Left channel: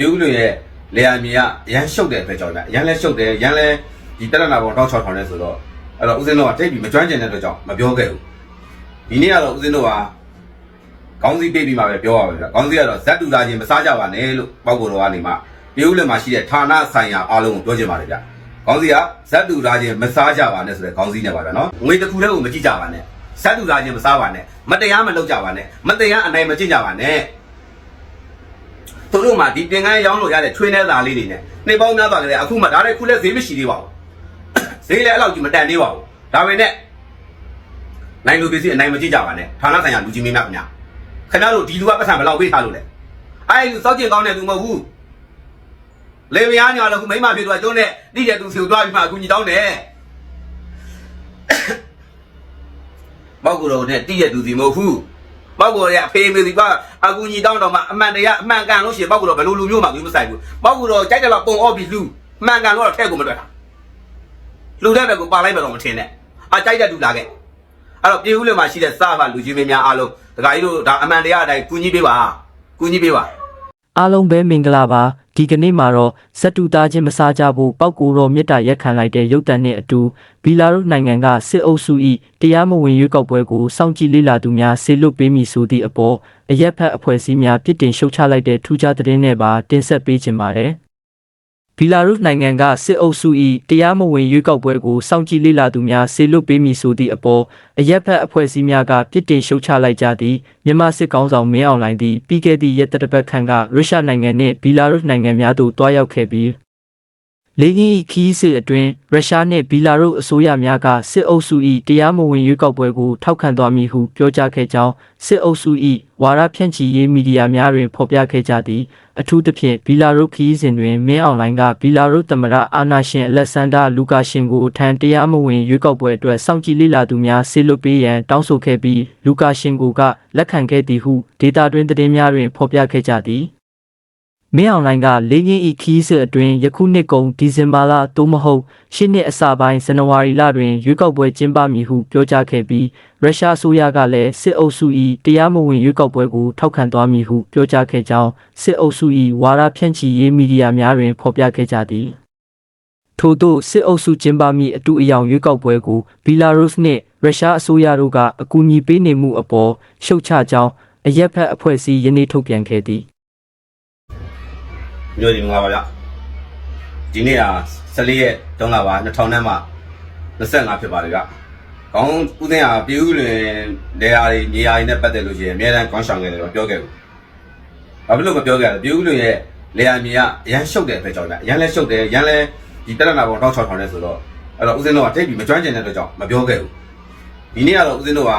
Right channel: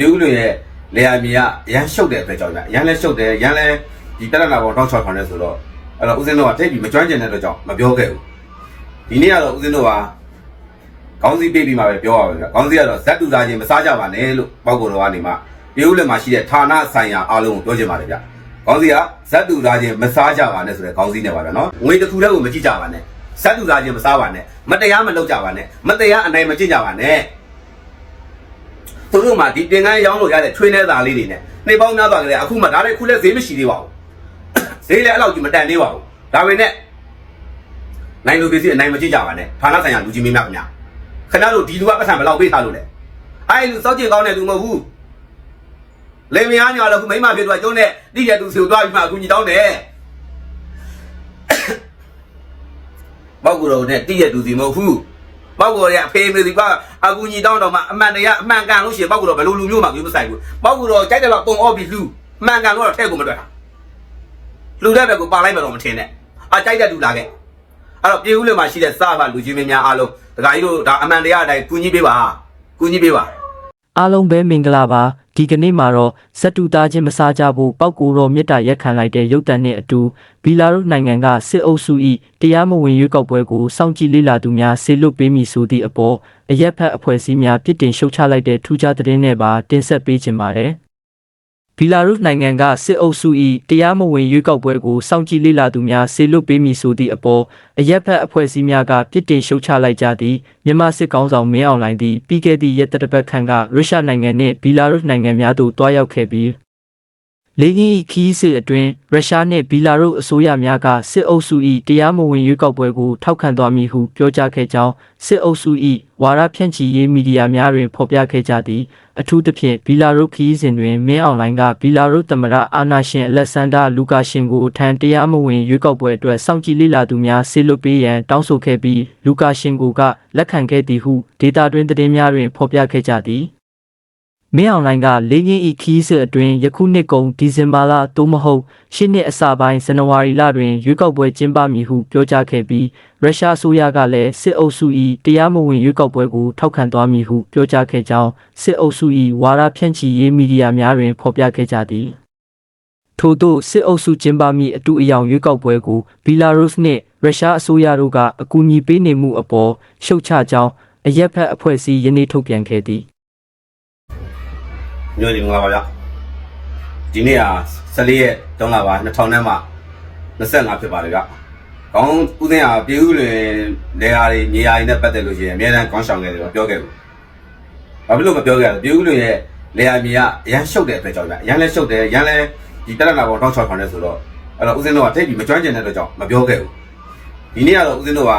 ဒီဦးလူရဲ့လေယာမြေကအရန်ရှုပ်တဲ့အတွက်ကြောင့်ညာအရန်လဲရှုပ်တယ်ရန်လဲဒီတက်ရနာပေါ်တောက်ချောက်ထောင်နေဆိုတော့အဲ့တော့ဦးစင်းတို့ကတိတ်ပြီးမကျွမ်းကျင်တဲ့အတွက်ကြောင့်မပြောခဲ့ဘူးဒီနေ့ကတော့ဦးစင်းတို့ကကောင်းစီပေးပြီးမှပဲပြောရပါဗျာကောင်းစီကတော့ဇက်တူလာချင်းမစားကြပါနဲ့လို့ပောက်ကိုတော်ကနေမှဒီဦးလူမှာရှိတဲ့ဌာနဆိုင်ရာအားလုံးကိုပြောချင်ပါတယ်ဗျာကောင်းစီကဇက်တူလာချင်းမစားကြပါနဲ့ဆိုတဲ့ကောင်းစီနဲ့ပါဗျာနော်ငွေတစ်ခုတည်းကိုမကြည့်ကြပါနဲ့ဇက်တူလာချင်းမစားပါနဲ့မတရားမလုပ်ကြပါနဲ့မတရားအနိုင်မကျင့်ကြပါနဲ့ သူတို့မှဒီတင်ကန်းရောင်းလို့ရတဲ့ချွေးနှဲသားလေးတွေနဲ့နှိပ်ပေါင်းများသွားကြတယ်အခုမှဒါလည်းခုလည်းဈေးမရှိသေးပါဘူးဈေးလည်းအဲ့လောက်ကြီးမတန်သေးပါဘူးဒါပေမဲ့နိုင်လူပစ္စည်းအနိုင်မကြည့်ကြပါနဲ့ဌာနဆိုင်ရာလူကြီးမင်းများခင်ဗျခဏလို့ဒီလူကပတ်စံဘယ်လောက်ပေးထားလို့လဲအဲ့လူစောက်ကျင်ကောင်းတဲ့လူမဟုတ်ဘူးလေမယားညာလည်းခုမိမဖြစ်တော့ကျွန်းနဲ့တိတဲ့သူစီကိုတွားပြီးမှအကူကြီးတောင်းတယ်မောက်ကိုယ်တော်နဲ့တိတဲ့သူစီမဟုတ်ဘူး ပောက်ကိုယ်ရအဖေမေစီကအကူညီတောင်းတော့မှအမှန်တရားအမှန်ကန်လို့ရှိရင်ပောက်ကိုယ်တော့ဘယ်လိုလူမျိုးမှမျိုးမဆိုင်ဘူးပောက်ကိုယ်တော့ကြိုက်တယ်တော့ပုံအော့ပြီးလူမှန်ကန်လို့တော့ထည့်ကိုမတွေ့တာလူတဲ့ဘက်ကိုပါလိုက်မှတော့မထင်နဲ့အကြိုက်တဲ့လူလာခဲ့အဲ့တော့ပြေဦးလေမှာရှိတဲ့စပါလူချင်းမင်းများအားလုံးဒကာကြီးတို့ဒါအမှန်တရားအတိုင်းကူညီပေးပါကူညီပေးပါ အားလုံးပဲမင်္ဂလာပါဒီကနေ့မှာတော့ဇက်တူသားချင်းမစားကြဖို့ပောက်ကူတော်မြစ်တာရက်ခံလိုက်တဲ့ရုပ်တံနဲ့အတူဘီလာရုစ်နိုင်ငံကစစ်အုပ်စု၏တရားမဝင်ရွေးကောက်ပွဲကိုစောင့်ကြည့်လေ့လာသူများဆေလွတ်ပေးမိဆိုသည့်အပေါ်အရက်ဖက်အဖွဲ့အစည်းများပြစ်တင်ရှုတ်ချလိုက်တဲ့ထူးခြားသတင်းနဲ့ပါတင်ဆက်ပေးခြင်းပါတယ် ဘီလာရုစ်နိုင်ငံကစစ်အုပ်စု၏တရားမဝင်ရွေးကောက်ပွဲကိုစောင့်ကြည့်လေ့လာသူများဆေလွတ်ပေးမိဆိုသည့်အပေါ်အရက်ဖက်အဖွဲ့အစည်းများကပြစ်တင်ရှုတ်ချလိုက်ကြသည့်မြန်မာစစ်ကောင်ဆောင်မင်းအောင်လှိုင်သည်ပြီးခဲ့သည့်ရက်သတ္တပတ်ခန့်ကရုရှားနိုင်ငံနှင့်ဘီလာရုစ်နိုင်ငံများသို့တွားရောက်ခဲ့ပြီး လေကင်း၏ခီးစစ်အတွင်းရုရှားနှင့်ဘီလာရုစ်အစိုးရများကစစ်အုပ်စု၏တရားမဝင်ရွေးကောက်ပွဲကိုထောက်ခံသွားမည်ဟုပြောကြားခဲ့ကြောင်းစစ်အုပ်စု၏ဝါရဖြန့်ချီရေးမီဒီယာများတွင်ဖော်ပြခဲ့ကြသည်အထူးသဖြင့်ဘီလာရုစ်ခီးစဉ်တွင်မင်းအောင်လှိုင်ကဘီလာရုစ်သမ္မတအာနာရှင်အလက်ဆန်ဒါလူကာရှင်ကိုထံတရားမဝင်ရွေးကောက်ပွဲအတွက်စောင့်ကြည့်လေ့လာသူများဆေလွတ်ပေးရန်တောင်းဆိုခဲ့ပြီးလူကာရှင်ကိုကလက်ခံခဲ့သည်ဟုဒေတာတွင်သတင်းများတွင်ဖော်ပြခဲ့ကြသည် မင်းအောင်လိုင်းကလေးရင်းဤခီးစစ်အတွင်းယခုနှစ်ကုန်ဒီဇင်ဘာလသို့မဟုတ်ရှစ်နှစ်အစပိုင်းဇန်နဝါရီလတွင်ရွေးကောက်ပွဲကျင်းပမည်ဟုပြောကြားခဲ့ပြီးရုရှားအစိုးရကလည်းစစ်အုပ်စု၏တရားမဝင်ရွေးကောက်ပွဲကိုထောက်ခံသွားမည်ဟုပြောကြားခဲ့ကြောင်းစစ်အုပ်စု၏ဝါဒဖြန့်ချီရေးမီဒီယာများတွင်ဖော်ပြခဲ့ကြသည်ထို့သောစစ်အုပ်စုကျင်းပမည့်အတူအယောင်ရွေးကောက်ပွဲကိုဘီလာရုစ်နှင့်ရုရှားအစိုးရတို့ကအကူအညီပေးနေမှုအပေါ်ရှုတ်ချကြောင်းအရက်ဖက်အဖွဲ့အစည်းယနေ့ထုတ်ပြန်ခဲ့သည် မျိုးဒီမင်္ဂလာပါဗျဒီနေ့က14ရက်3လပါ2000နဲ့မှ25ဖြစ်ပါတယ်ဗျကောင်းဦးသိန်းဟာပြေဦးလွင်နေရာတွေနေရာတွေနဲ့ပတ်သက်လို့ရှိရင်အများအားကောင်းဆောင်ခဲ့တယ်တော့ပြောခဲ့ဘူးဘာဖြစ်လို့မပြောခဲ့လဲပြေဦးလွင်ရဲ့နေရာမြေကအရန်ရှုပ်တဲ့အတွက်ကြောင့်ဗျအရန်လဲရှုပ်တယ်ရန်လဲဒီတက်ရနာပေါ်တောက်ချောက်ထောင်နေဆိုတော့အဲ့တော့ဦးစင်းတို့ကတိတ်ပြီးမကျွမ်းကျင်တဲ့အတွက်ကြောင့်မပြောခဲ့ဘူးဒီနေ့ကတော့ဦးစင်းတို့က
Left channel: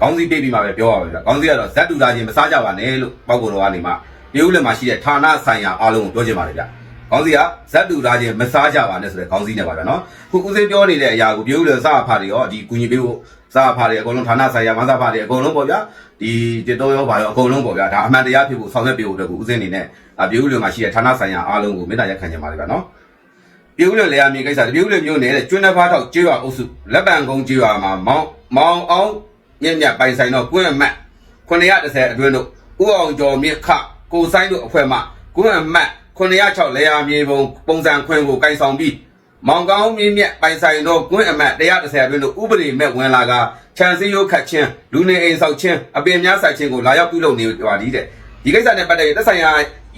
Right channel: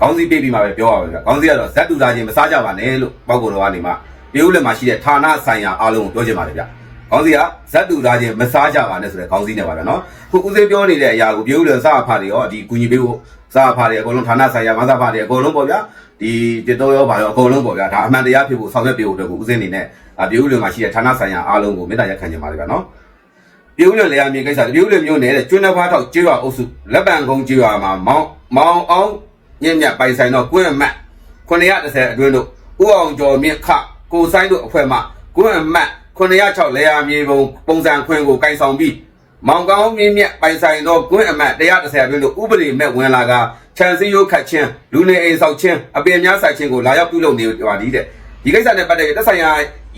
ကောင်းစီပေးပြီးမှပဲပြောရမှာဗျကောင်းစီကတော့ဇက်တူသားချင်းမစားကြပါနဲ့လို့ပောက်ကိုတော်ကနေမှ ပြေဦးလွင်မှာရှိတဲ့ဌာနဆိုင်ရာအားလုံးကိုပြောချင်ပါတယ်ဗျကောင်းစီကဇက်တူသားချင်းမစားကြပါနဲ့ဆိုတဲ့ကောင်းစီနဲ့ပါဗျနော်ခုဦးစင်းပြောနေတဲ့အရာကိုပြေဦးလွင်စားဖားတွေရောဒီကုညီပေးဖို့စားဖားတွေအကုန်လုံးဌာနဆိုင်ရာမစားဖားတွေအကုန်လုံးပေါ့ဗျာဒီတက်တော်ရောပါရောအကုန်လုံးပေါ့ဗျာဒါအမှန်တရားဖြစ်ဖို့ဆောင်ရွက်ပေးဖို့အတွက်ကိုဦးစင်းအနေနဲ့အပြေဦးလွင်မှာရှိတဲ့ဌာနဆိုင်ရာအားလုံးကိုမေတ္တာရက်ခံချင်ပါတယ်ဗျနော်ပြည်ဦးလွယ်လေယာမြေကိစ္စပြည်ဦးလွယ်မျိုးနယ်တဲ့ကျွန်းနှဖားထောက်ကျွော်အုပ်စုလက်ပံကုန်းကျွော်မှာမောင်မောင်အောင်ညညပိုင်ဆိုင်တော့ကွင်းအမတ်930အတွင်းတို့ဦးအောင်ကျော်မြင့်ခ ကိုဆိုင်တို့အဖွဲ့မှကွင်းအမတ်906လေယာမြေပုံပုံစံခွင်းကိုကင်ဆောင်ပြီးမောင်ကောင်းမြင့်မြတ်ပိုင်ဆိုင်တော့ကွင်းအမတ်130အတွင်းတို့ဥပဒေမဲ့ဝင်လာကခြံစည်းရိုးခတ်ခြင်းလူနေအိမ်ဆောက်ခြင်းအပင်များဆိုင်ခြင်းကိုလာရောက်ပြုလုပ်နေပါသည်တဲ့ဒီကိစ္စနဲ့ပတ်သက်ပြီးသက်ဆိုင်ရာ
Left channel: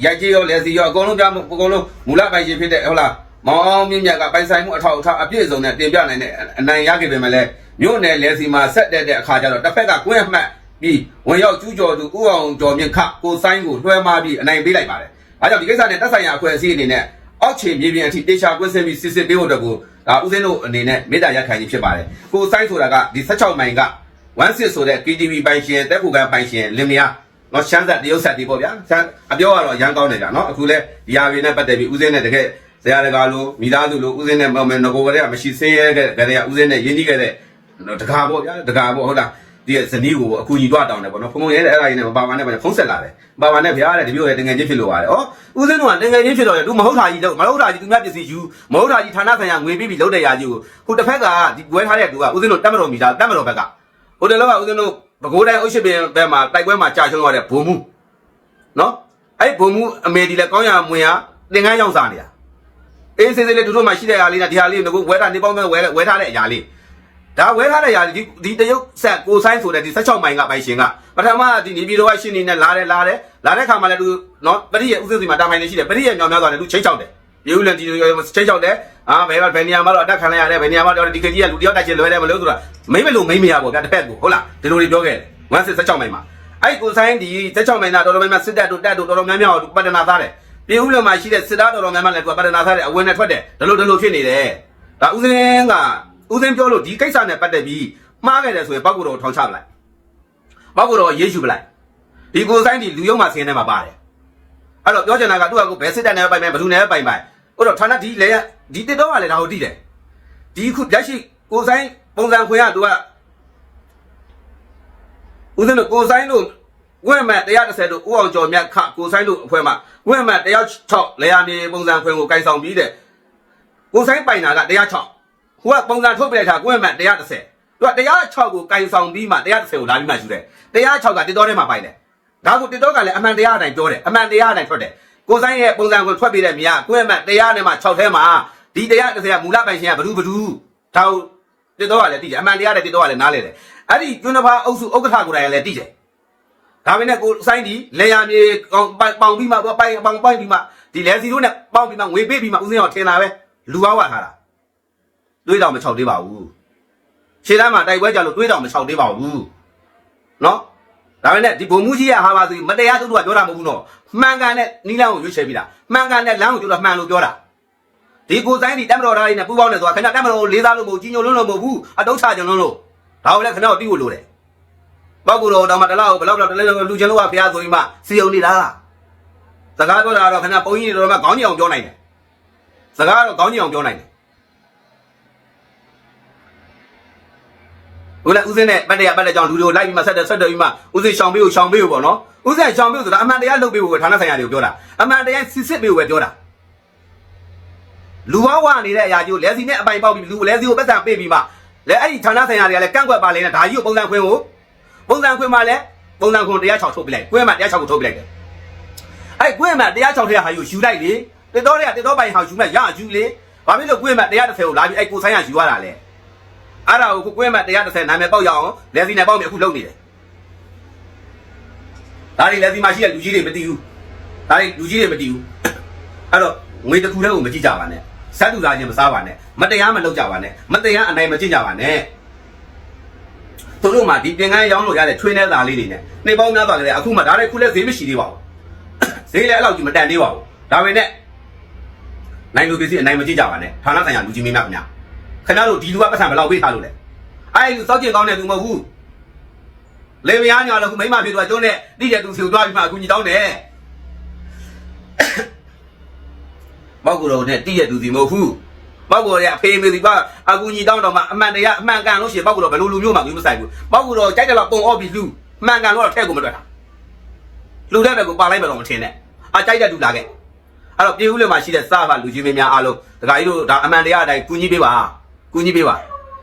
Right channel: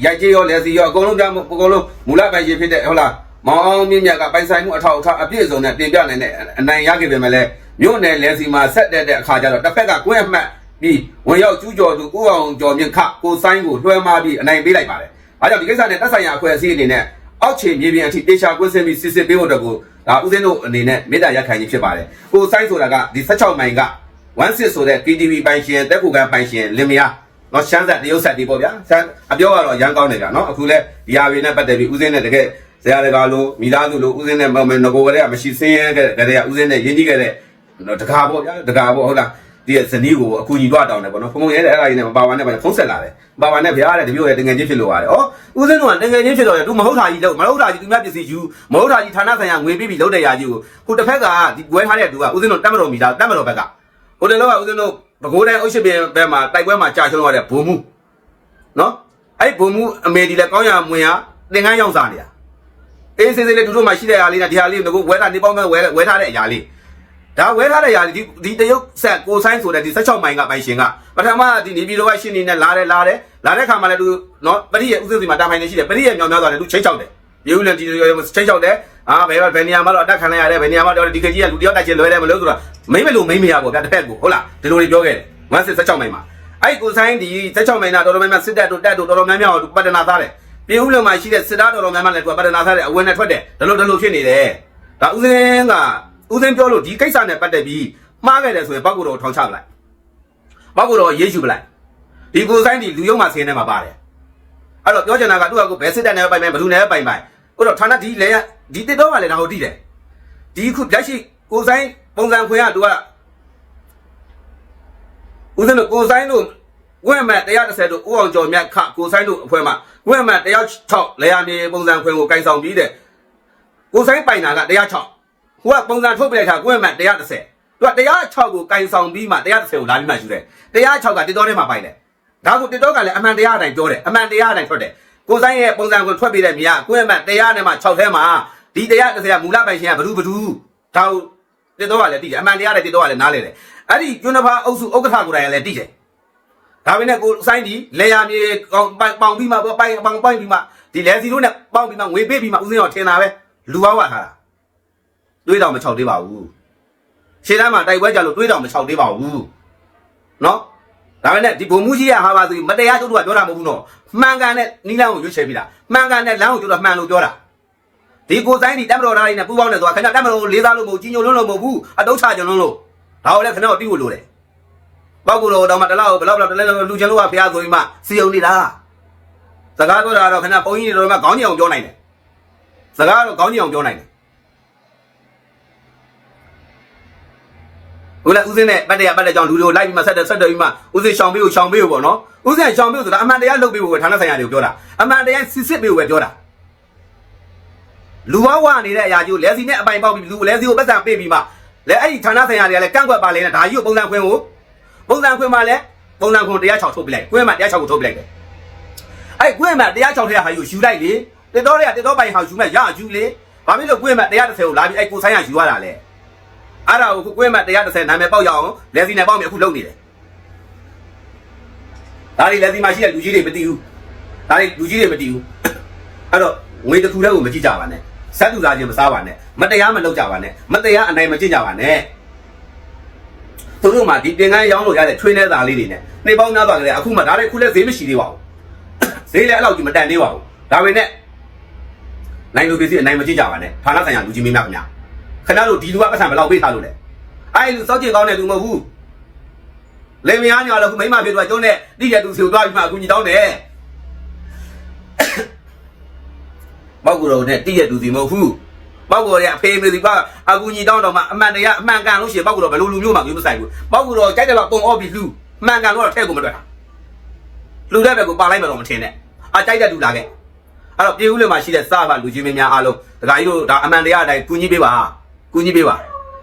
ရိုက်ကြီးရောလက်စီရောအကုန်လုံးကြားမှုအကုန်လုံးမူလပိုင်ရှင်ဖြစ်တဲ့ဟုတ်လားမောင်အောင်မြင့်မြတ်ကပိုင်ဆိုင်မှုအထောက်အထားအပြည့်အစုံနဲ့တင်ပြနိုင်တဲ့အနိုင်ရခဲ့ပေမဲ့လည်းမြို့နယ်လဲစီမှာဆက်တက်တဲ့အခါကျတော့တစ်ဖက်ကကွင်းအမှတ် ဒီဝင်ရောက်ကျူးကျော်သူဥအောင်ကျော်မြင့်ခကိုဆိုင်ကိုလွှဲမာပြီးအနိုင်ပေးလိုက်ပါတယ်။အားကြောင့်ဒီကိစ္စနဲ့တက်ဆိုင်ရာအဖွဲ့အစည်းအနေနဲ့အောက်ခြေမြေပြင်အထိတေချာကွင်းစင်ပြီးစစ်စစ်ပေးဖို့အတွက်ကိုဒါဦးစင်းတို့အနေနဲ့မေတ္တာရက်ခံခြင်းဖြစ်ပါတယ်။ကိုဆိုင်ဆိုတာကဒီ16မိုင်က16ဆိုတဲ့ PTV ပိုင်ရှင်တက်ခုကပိုင်ရှင်လင်မယားတော့ချမ်းသာတရုပ်ဆက်တွေပေါ့ဗျာ။ဆန်းအပြောကတော့အရန်ကောင်းနေတာနော်။အခုလဲဒီဟာတွေနဲ့ပတ်သက်ပြီးဦးစင်းနဲ့တကယ်ဆရာတကာလိုမိသားစုလိုဦးစင်းနဲ့မမယ်ငကိုကလေးကမရှိစင်းရဲတဲ့ကလေးကဦးစင်းနဲ့ရင်းနှီးခဲ့တဲ့တကာပေါ့ဗျာတကာပေါ့ဟုတ်လား ဒီဇနီးကိုအကူကြီးတော့တောင်းတယ်ပေါ့နော်ဖုံဖုံရဲတဲ့အဲ့ဒါကြီးနဲ့မပါပါနဲ့ပဲခုံးဆက်လာတယ်မပါပါနဲ့ဗျာတဲ့ဒီမျိုးရဲ့တင်ငယ်ချင်းဖြစ်လို့ပါတယ်ဟောဦးစင်းတို့ကတင်ငယ်ချင်းဖြစ်တော့ရင်သူမဟုတ်တာကြီးလို့မဟုတ်တာကြီးသူများပစ္စည်းယူမဟုတ်တာကြီးဌာနဆိုင်ရာငွေပြီးပြီးလုပ်တဲ့ရာကြီးကိုခုတစ်ဖက်ကဒီပွဲထားတဲ့သူကဦးစင်းတို့တက်မတော်မိသားတက်မတော်ဘက်ကဟိုတယ်လောကဦးစင်းတို့ဘကိုးတိုင်းအုပ်ရှိပင်ဘက်မှာတိုက်ပွဲမှာကြာချုံးရတဲ့ဘုံမှုနော်အဲ့ဘုံမှုအမေဒီလည်းကောင်းရမွင်ရသင်္ကန်းရောက်စားနေတာအေးစေးစေးလေးတို့တို့မှရှိတဲ့အရာလေးနဲ့ဒီအရာလေးကိုဝဲတာနေပေါင်းမဲ့ဝဲဝဲထားတဲ့အရာလေး ဒါဝဲထားတဲ့အရာလေးဒီတရုတ်ဆက်ကိုဆိုင်ဆိုတဲ့ဒီ16မိုင်ကပိုင်ရှင်ကပထမဒီနေပြည်တော်ကရှင်းနေနဲ့လာတယ်လာတယ်လာတဲ့ခါမှလည်းသူနော်ပရိရဲ့ဥစုစီမှာတာပိုင်နေရှိတယ်ပရိရဲ့ညောင်များဆိုလည်းသူချိတ်ချောက်တယ်ရုပ်လည်းဒီချိတ်ချောက်တယ်အာဘယ်ကဘယ်နေရာမှာတော့အတက်ခံလိုက်ရတယ်ဘယ်နေရာမှာတော့ဒီကကြီးကလူတယောက်တက်ချင်လွယ်တယ်မလို့ဆိုတာမိမ့်မလို့မိမ့်မရဘူးဗျတစ်ဖက်ကိုဟုတ်လားဒီလိုတွေပြောခဲ့တယ်16မိုင်မှာအဲ့ကိုဆိုင်ဒီ16မိုင်ကတော်တော်များများစစ်တပ်တို့တက်တို့တော်တော်များများကိုပတ်တနာသားတယ်ပြည်ဦးလည်းမှာရှိတဲ့စစ်သားတော်တော်များများလည်းသူကပဒနာထားတဲ့အဝင်နဲ့ထွက်တယ်ဒါလို့ဒါလို့ဖြစ်နေတယ်ဒါဦးစင်းက ဦးစင်းပြောလို့ဒီကိစ္စနဲ့ပတ်သက်ပြီးမှားခဲ့တယ်ဆိုရင်ပောက်ကိုတော်ထောင်ချပလိုက်ပောက်ကိုတော်ရေးရှုပလိုက်ဒီကိုဆိုင်ဒီလူယုံမှာဆင်းနေမှာပါတယ်အဲ့တော့ပြောချင်တာကသူကကိုဘယ်စစ်တပ်နဲ့ပိုင်ပိုင်ဘယ်သူနဲ့ပိုင်ပိုင်ဟုတ်တော့ဌာနဒီလေဒီတစ်တော့ကလည်းဒါကိုတိတယ်ဒီခုလက်ရှိကိုဆိုင်ပုံစံခွေကသူကဦးစင်းတို့ကိုဆိုင်တို့ဝက်မှန်130တို့ဦးအောင်ကျော်မြတ်ခကိုဆိုင်တို့အဖွဲ့မှာဝက်မှန်106လေယာမြေပုံစံခွင်ကိုကိုင်ဆောင်ပြီးတဲ့ကိုဆိုင်ပိုင်တာက106 ဟိုကပုံစံထုတ်ပြလိုက်တာဝက်မှန်130သူက106ကိုကိုင်ဆောင်ပြီးမှ130ကိုလာပြီးမှယူတယ်106ကတစ်တော်ထဲမှာပိုင်တယ်နောက်ကိုတစ်တော်ကလည်းအမှန်တရားအတိုင်းပြောတယ်အမှန်တရားအတိုင်းထွက်တယ်ကိုဆိုင်ရဲ့ပုံစံကိုထွက်ပြီးတဲ့မြာဝက်မှန်တရားနဲ့မှ6ထဲမှာဒီ130ကမူလပိုင်ရှင်ကဘ누구ဘ누구ဒါတစ်တော်ကလည်းတည်တယ်အမှန်တရားနဲ့တစ်တော်ကလည်းနားလဲတယ်အဲ့ဒီကျွန်းတစ်ဖာအုပ်စုဥက္ကဋ္ဌကိုယ်တိုင်ကလည်းတည်တယ် ဒါပေမဲ့ကိုစိုင်းဒီလေယာပြေပေါင်ပေါင်ပြီးမှပိုင်ပေါင်ပိုင်ပြီးမှဒီလဲစီတို့နဲ့ပေါင်ပြီးမှငွေပေးပြီးမှဦးစင်းအောင်ထင်တာပဲလူပေါင်းပါထားတာ တွေးတော်မချောင်သေးပါဘူးရှင်းလမ်းမှာတိုက်ပွဲကြလို့တွေးတော်မချောင်သေးပါဘူးနော်ဒါပေမဲ့ဒီဘုံမှုကြီးရဲ့ဟာပါဆိုမတရားတို့ကပြောတာမဟုတ်ဘူးနော်မှန်ကန်တဲ့နီးလန်းကိုရွေးချယ်ပြီးတာမှန်ကန်တဲ့လမ်းကိုတို့ကမှန်လို့ပြောတာဒီကိုဆိုင်ဒီတက်မတော်သားလေးနဲ့ပူပေါင်းနေဆိုတာခင်ဗျတက်မတော်လေးစားလို့မဟုတ်ကြီးညိုလုံးလို့မဟုတ်ဘူးအတုံးချကြလို့လို့ဘာလို့လဲခင်ဗျတိကိုလို့တယ်ပောက်ကူတော့တော့မတလောက်ဘယ်လောက်တော့တလဲလူချင်းလို့ကဘုရားဆိုပြီးမှစီအောင်နေတာစကားပြောတာတော့ခင်ဗျဘုန်းကြီးတွေတော့ခေါင်းကြီးအောင်ပြောနိုင်တယ်စကားတော့ခေါင်းကြီးအောင်ပြောနိုင်တယ် ဦးလည်းဦးစင်းနဲ့ပတ်တရားပတ်တဲ့ကြောင့်လူတွေကိုလိုက်ပြီးမှဆက်တယ်ဆက်တယ်ပြီးမှဦးစင်းရှောင်ပေးကိုရှောင်ပေးကိုပေါ့နော်ဦးစင်းရှောင်ပေးဆိုတာအမှန်တရားလုပ်ပေးဖို့ပဲဌာနဆိုင်ရာတွေကိုပြောတာအမှန်တရားစစ်စစ်ပေးဖို့ပဲပြောတာလူဝဝနေတဲ့အရာကြီးကိုလဲစီနဲ့အပိုင်ပေါက်ပြီးလူလဲစီကိုပတ်စံပေးပြီးမှလဲအဲ့ဒီဌာနဆိုင်ရာတွေကလည်းကန့်ကွက်ပါလေနဲ့ဒါကြီးကိုပုံစံခွင်းကိုပုံစံခွင့်မှလည်းပုံစံခွန်တရား6ထုတ်ပြလိုက်ကွဲမှတရား6ကိုထုတ်ပြလိုက်တယ်အဲ့ကွဲမှတရား6တရားဟာယူယူလိုက်လေတေတော်တွေကတေတော်ပိုင်ဟောယူမှရယူလေဘာဖြစ်လို့ကွဲမှတရား30ကိုလာပြီးအဲ့ကိုဆိုင်ရယူရတာလဲ အဲ့ဒါကိုကွဲမှတရား30နာမည်ပေါက်ရအောင်လက်စီနဲ့ပေါက်မြအခုလုပ်နေတယ်ဒါတွေလက်စီမှာရှိတဲ့လူကြီးတွေမသိဘူးဒါတွေလူကြီးတွေမသိဘူးအဲ့တော့ငွေတစ်ခုတည်းကိုမကြည့်ကြပါနဲ့စက်တူသားချင်းမစားပါနဲ့မတရားမလုပ်ကြပါနဲ့မတရားအနိုင်မကြည့်ကြပါနဲ့သူတို့မှဒီတင်ကန်းရောင်းလို့ရတဲ့ trainer သားလေးတွေနဲ့နေပေါင်းများသွားတယ်အခုမှဒါလည်းခုလည်းဈေးမရှိသေးပါဘူးဈေးလည်းအဲ့လောက်ကြီးမတန်သေးပါဘူးဒါပေမဲ့နိုင်လိုကေစီအနိုင်မကြည့်ကြပါနဲ့ဌာနဆိုင်ရာလူကြီးမင်းများခင်ဗျာ ခင်ဗျားတို့ဒီလူကပတ်စံဘယ်လောက်ပေးထားလို့လဲအဲ့ဒီလူစောက်ကျင်ကောင်းတဲ့လူမဟုတ်ဘူးလေမယားညာလည်းခုမိမဖြစ်သွားကျုံးနဲ့တိကျသူစီကိုတွားပြီးမှအကူကြီးတောင်းတယ်မောက်ကူတော်နဲ့တိကျသူစီမဟုတ်ဘူးပောက်ကူတော်ရဲ့အဖေမေစီကအကူကြီးတောင်းတော့မှအမှန်တရားအမှန်ကန်လို့ရှိရင်ပောက်ကူတော်ဘယ်လိုလူမျိုးမှမဆိုင်ဘူးပောက်ကူတော်ကြိုက်တယ်လို့ပုံအော့ပြီးလူမှန်ကန်လို့တော့ထဲကိုမတွက်တာလူတဲ့ဘက်ကိုပါလိုက်မှတော့မထင်နဲ့အကြိုက်တဲ့လူလာခဲ့အဲ့တော့ပြေဦးလည်းမှာရှိတဲ့စားပါလူကြီးမင်းများအားလုံးဒကာကြီးတို့ဒါအမှန်တရားအတိုင်းကူညီပေးပါ ကူညီပေးပါ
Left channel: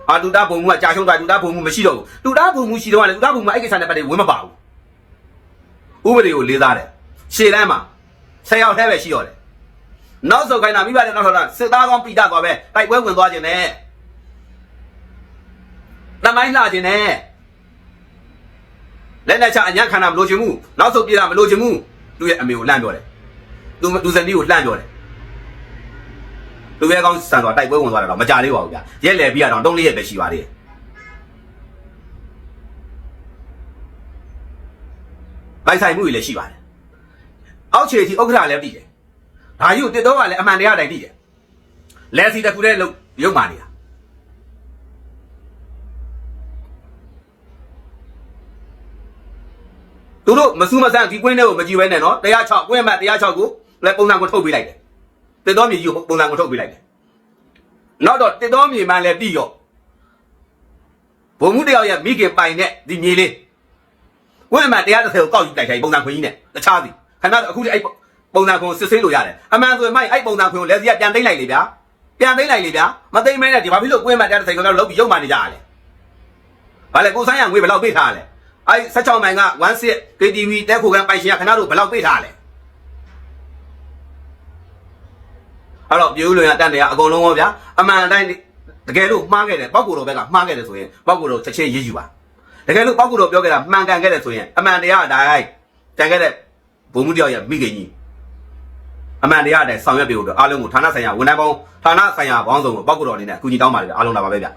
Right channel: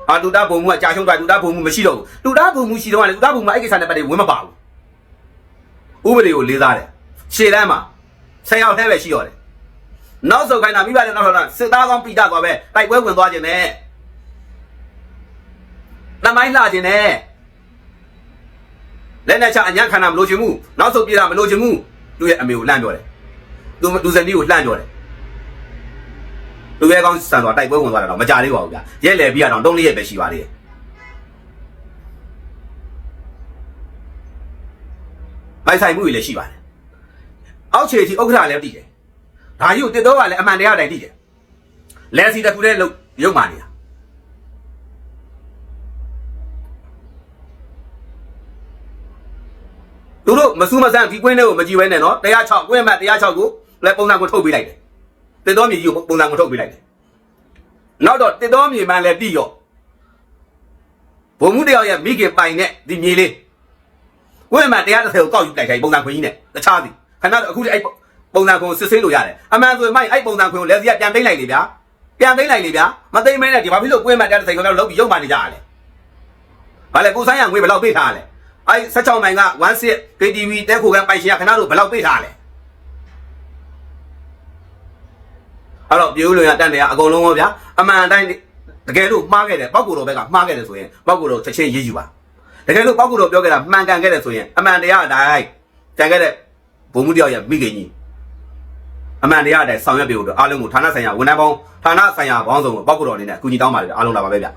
အာတူတာဘုံမှုကကြာရှုံးတာတူတာဘုံမှုမရှိတော့ဘူးတူတာဘုံမှုရှိတော့လည်းတူတာဘုံမှုအဲ့ဒီကိစ္စနဲ့ပတ်သက်ဝင်မပါဘူးဥပဒေကိုလေးစားတယ်ရှေ့တန်းမှာဆယ်ယောက်တည်းပဲရှိတော့တယ်နောက်ဆုံးခိုင်းတာမိဘနဲ့နောက်ထပ်စစ်သားကောင်းပိတာသွားပဲတိုက်ပွဲဝင်သွားခြင်းနဲ့နမိုင်းလာခြင်းနဲ့လက်နဲ့ချအညာခန္ဓာမလို့ခြင်းမှုနောက်ဆုံးပြေးတာမလို့ခြင်းမှုသူ့ရဲ့အမေကိုလှမ်းတော့တယ်သူသူစံလေးကိုလှမ်းတော့တယ် သူရဲ့ကောင်းစံတော့တိုက်ပွဲဝင်သွားတယ်တော့မကြသေးပါဘူးဗျရက်လေပြီးတော့တုံးလေးရက်ပဲရှိပါသေးတယ်အိုက်ဆိုင်မှုတွေလည်းရှိပါတယ်အောက်ခြေထိဥက္ကဋ္ဌလည်းတည်တယ်ဒါယူတစ်တော့ကလည်းအမှန်တရားတိုင်းတည်တယ်လဲစီတစ်ခုတည်းလုံးရုပ်ပါနေတာသူတို့မဆူးမဆန်းဒီကွင်းတွေကိုမကြည့်ဘဲနဲ့နော်တရား6ကွင်းမှတရား6ကိုလည်းပုံစံကိုထုတ်ပေးလိုက်တယ် တစ်တော့မြေကြီးကိုပုံစံကိုထုတ်ပေးလိုက်တယ်နောက်တော့တစ်တော့မြေမှလည်းတည်ရောဘုံမှုတယောက်ရဲ့မိခင်ပိုင်တဲ့ဒီမြေလေးကွင်းမှတရား30ကိုတောက်ယူလိုက်ခိုင်းပုံစံခွေးကြီးနဲ့တခြားသည်ခဏအခုလည်းအဲ့ပုံစံခွန်စစ်ဆေးလို့ရတယ်အမှန်ဆိုရင်မိုက်အဲ့ပုံစံခွန်ကိုလည်းစီကပြန်သိမ့်လိုက်လေဗျာပြန်သိမ့်လိုက်လေဗျာမသိမ့်မဲနဲ့ဒီဘာဖြစ်လို့ကွင်းမှတရား30ခဏလောက်ပြီးရုပ်မှနေကြရလဲဘာလဲကိုဆိုင်ရငွေဘယ်လောက်ပေးထားလဲအဲ့16နိုင်က16 KTV တက်ခုကပိုင်ရှင်ကခဏလို့ဘယ်လောက်ပေးထားလဲ အဲ့တော့ပြည်ဦးလွင်ရတန်တယ်ကအကုန်လုံးရောဗျာအမှန်တိုင်းတကယ်လို့မှားခဲ့တယ်ပောက်ကူတော်ဘက်ကမှားခဲ့တယ်ဆိုရင်ပောက်ကူတော်တစ်ချက်ရေးယူပါတကယ်လို့ပောက်ကူတော်ပြောခဲ့တာမှန်ကန်ခဲ့တယ်ဆိုရင်အမှန်တရားအတိုင်းကြံခဲ့တဲ့ဘုံမှုတယောက်ရဲ့မိခင်ကြီးအမှန်တရားအတိုင်းဆောင်ရွက်ပေးဖို့အတွက်အားလုံးကိုဌာနဆိုင်ရာဝန်ထမ်းပေါင်းဌာနဆိုင်ရာပေါင်းစုံကိုပောက်ကူတော်အနေနဲ့အကူအညီတောင်းပါတယ်အားလုံးလာပါပဲဗျာ